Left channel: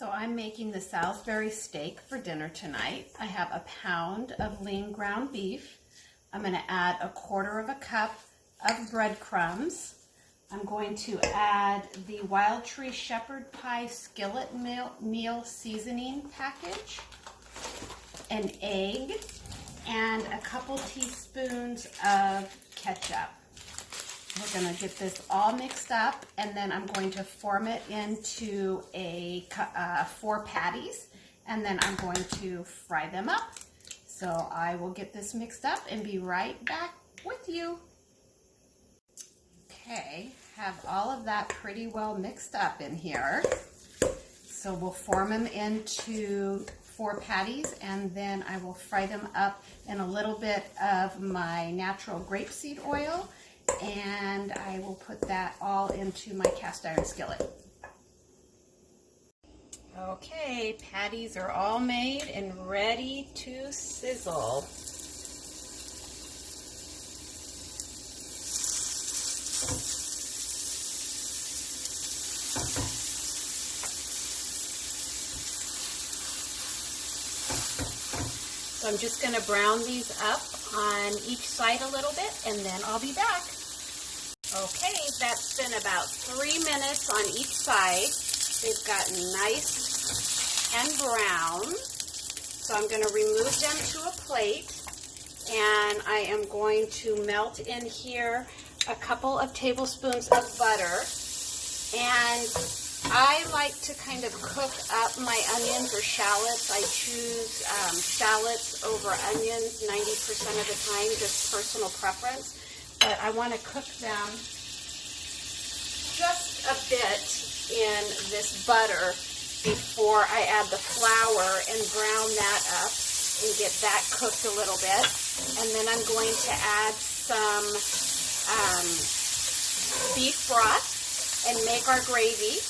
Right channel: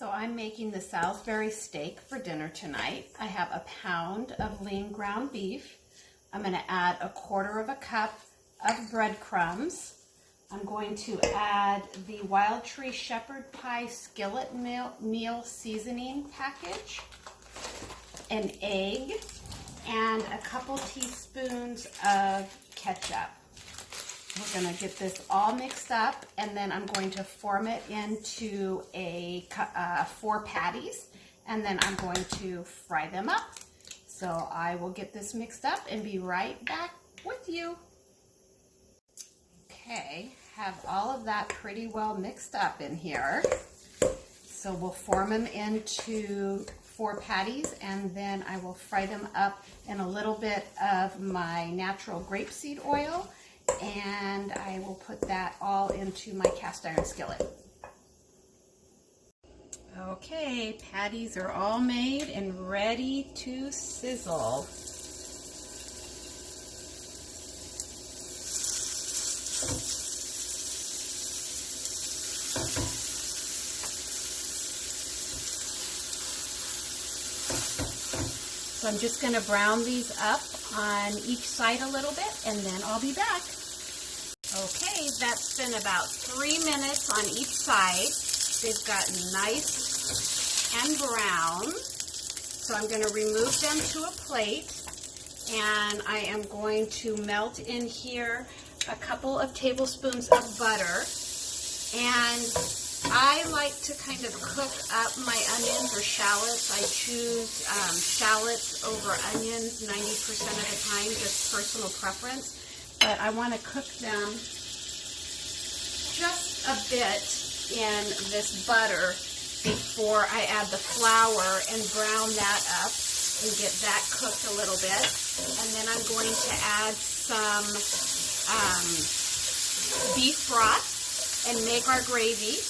So I'm making the Salisbury steak for dinner tonight. I have a pound of lean ground beef. I'm going to add 1/4 cup of breadcrumbs. I'm going to add the Wildtree Shepherd Pie skillet meal seasoning package, an egg, and a couple teaspoons of ketchup. We're going to get this all mixed up, and then I'm going to form it into 4 patties, and then I'm going to fry them up. So I will get this mixed up and be right back with you. Okay, have all of that pretty well mixed up in here. So we'll form them into 4 patties, and then I will fry them up in a little bit of my natural grapeseed oil, and I will put that all into my cast iron skillet. Okay, patties are all made and ready to sizzle. So I'm just going to brown these up on each side a little bit, and then I'll be back. Okay, that's been about 3 minutes on each side. They've gotten nice and brown. So I'm going to remove them to a plate, and I am going to melt in here a couple of tablespoons of butter. And I like to kind of cook up my onions or shallots. I choose shallots over onions 90% of the time, just personal preference. But I want to cook them just a bit in this butter before I add the flour and brown that up and get that cooked a little bit. And then I'm going to add some beef broth and make our gravy.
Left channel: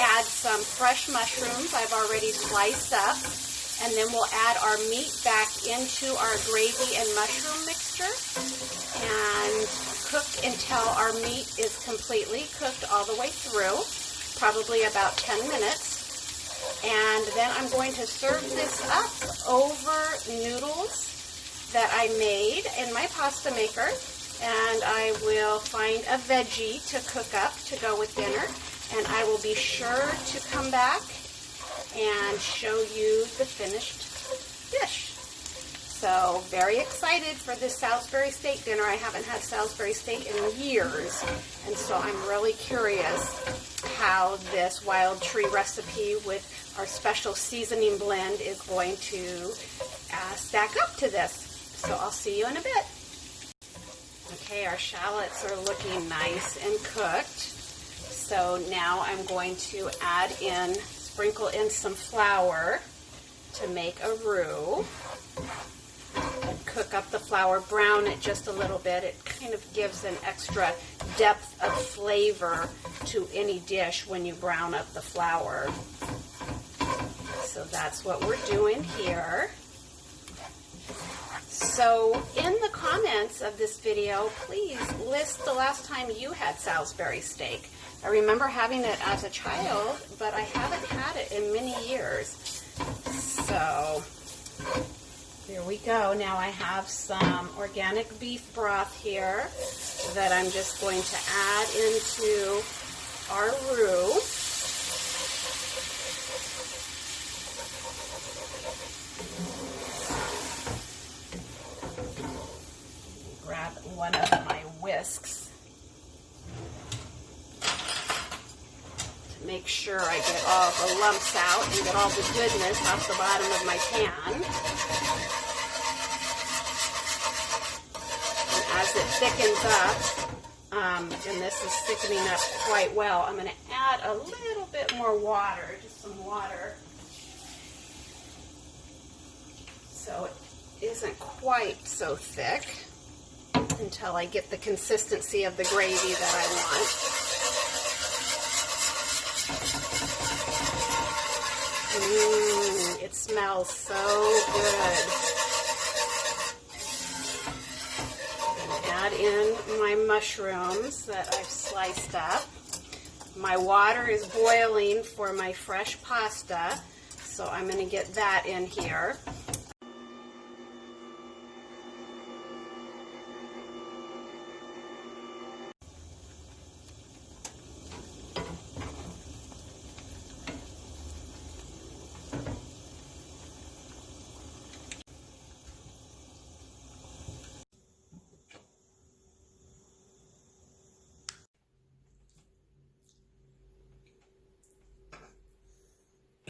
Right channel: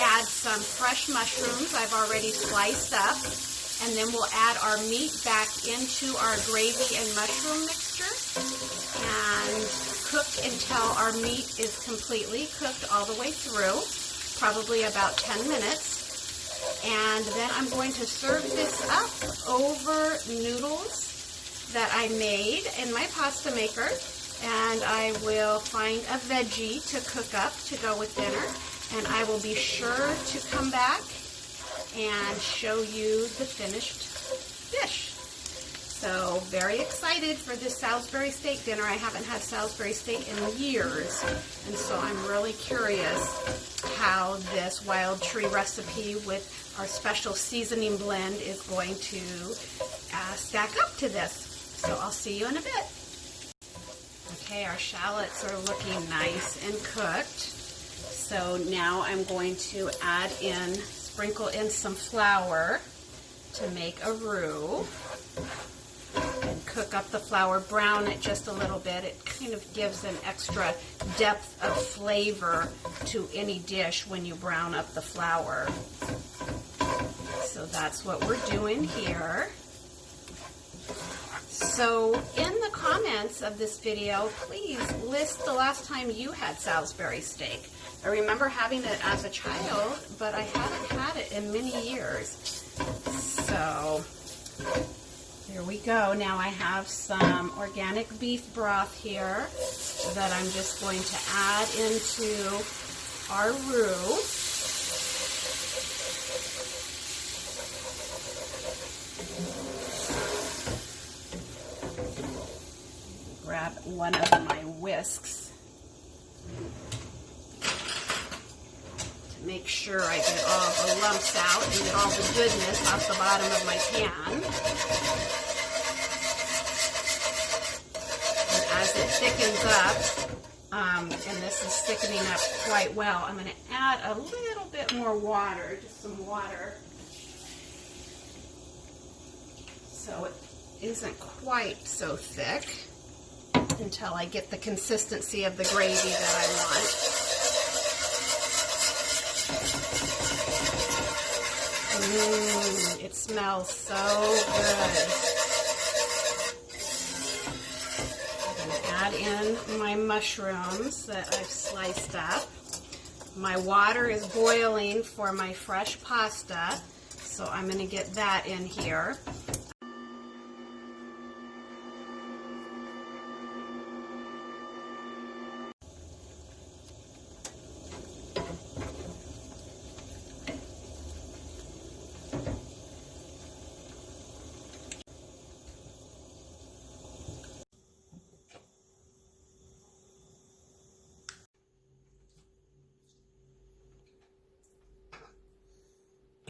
Add some fresh mushrooms I've already sliced up, and then we'll add our meat back into our gravy and mushroom mixture and cook until our meat is completely cooked all the way through, probably about 10 minutes. And then I'm going to serve this up over noodles that I made in my pasta maker, and I will find a veggie to cook up to go with dinner. And I will be sure to come back and show you the finished dish. So, very excited for this Salisbury steak dinner. I haven't had Salisbury steak in years, and so I'm really curious how this Wildtree recipe with our special seasoning blend is going to stack up to this. So, I'll see you in a bit. Okay, our shallots are looking nice and cooked. So now I'm going to sprinkle in some flour to make a roux, and cook up the flour, brown it just a little bit. It kind of gives an extra depth of flavor to any dish when you brown up the flour. So that's what we're doing here. So in the comments of this video, please list the last time you had Salisbury steak. I remember having it as a child, but I haven't had it in many years. So here we go. Now I have some organic beef broth here that I'm just going to add into our roux. Grab one of my whisks. Make sure I get all the lumps out and get all the goodness off the bottom of my pan. And as it thickens up, and this is thickening up quite well, I'm going to add a little bit more water, just some water, so it isn't quite so thick until I get the consistency of the gravy that I want. Ooh, it smells so good. I'm going to add in my mushrooms that I've sliced up. My water is boiling for my fresh pasta, so I'm going to get that in here.